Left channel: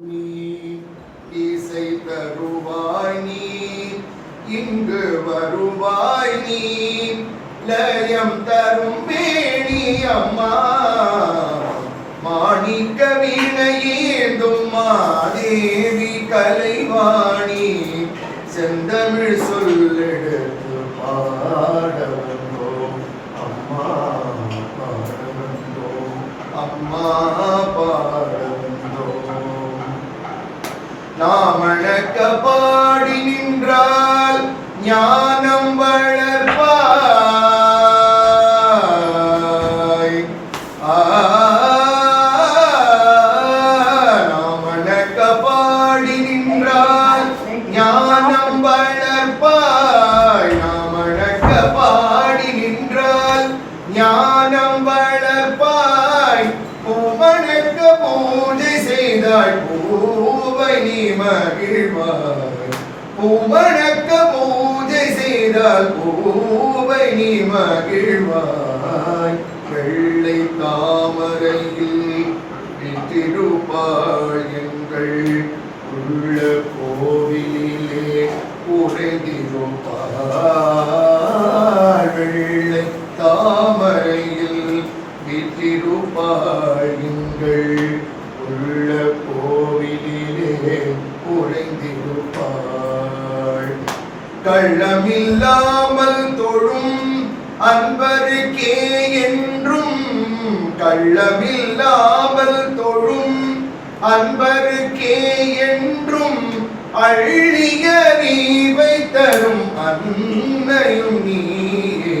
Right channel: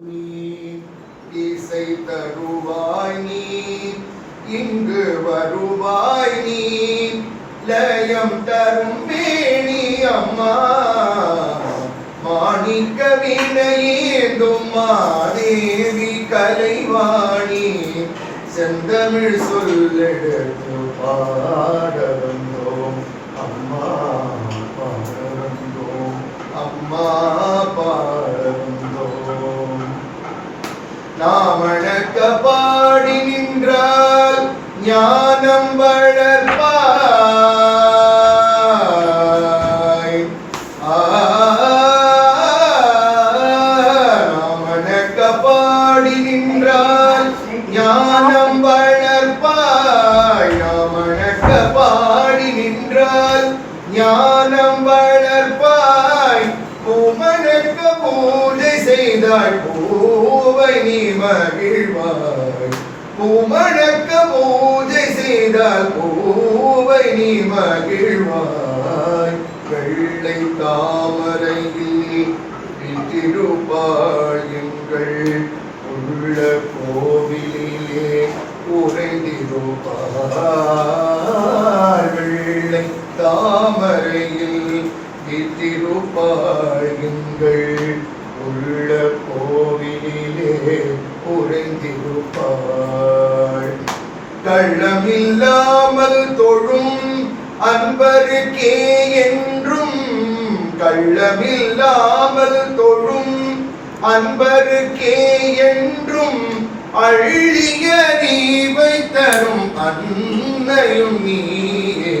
நீ இசை தருவாய் நீ இங்கு வருவாய் நீ. லயம் தரும் வேணி அம்மா மாணிக்க வினையேந்தும் மாதேவி கலைவாணி. செந்தமிழ் சொல்லெடுத்து பாட வந்தோம் அம்மா. நாம் அணக்க பாடி நின்றால் ஞானம் வளர்ப்பாய். நாம் அணக்க பாடி நின்றால் ஞானம் வளர்ப்பாய். அணக்க பாடி நின்றால் ஞானம் வளர்ப்பாய். பூமணக்க பூஜை செய்தாய் பூவை நீ மகிழ்வாய். பூமணக்க பூஜை செய்தால் பூவை நீ மகிழ்வாய். வெள்ளை தாமரையில் விட்டிருப்பாள் எங்கள் உள்ள கோவிலிலே உறைந்திருப்பாள் வெள்ளை தாமரையில் விட்டிருப்பாள் எங்கள் உள்ள குறைந்திருப்பாள் கள்ளமில்லாமல் தொழும் அன்பருக்கே என்றும் கள்ளமில்லாமல் தொழும் அன்பருக்கே என்றும் அழிய நீவை தரும் அன்னையும் நீயே.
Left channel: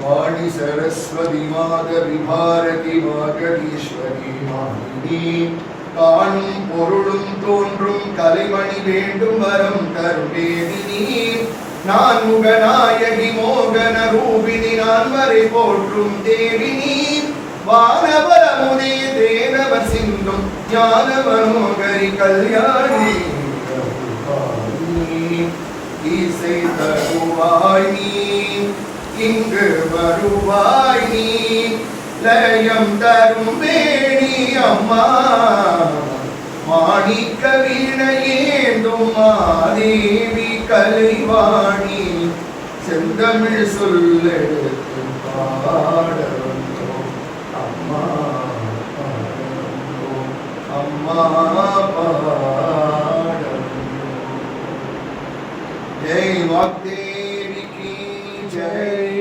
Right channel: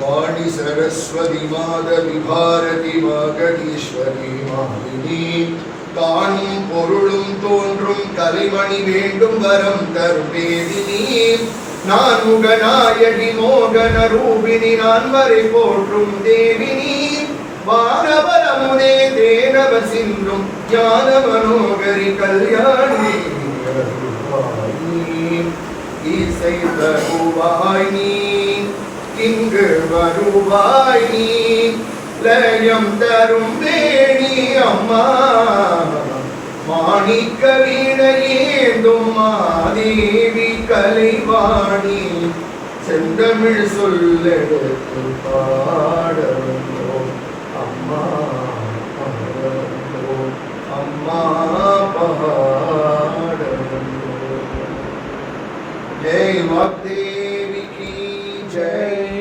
வாணி சரஸ்வதி மாதவி பாரதி வாகதீஸ்வரி மாலினி காணும் பொருளும் தோன்றும் கலைமணி வேண்டும் வரம் தருவேதினி நான் முகநாயகி மோகன ரூபினி நான் வரை போற்றும் தேவினி வானவரமுதே தேனவ சிந்தும் ஞான மனோகரி கல்யாணி. இசை தருவாய் நீ இங்கு வருவாய் நீ லயம் தரும் வேணி அம்மா. மாணிக்க வீணையேந்தும் மாதேவி கலைவாணி செந்தமிழ் சொல்லெடுக்கும் பாட வந்தோம் அம்மா பாடவந்தோம் அம்மா பாடவந்தோம் ஜெய் வாக்தேவி கி ஜெய்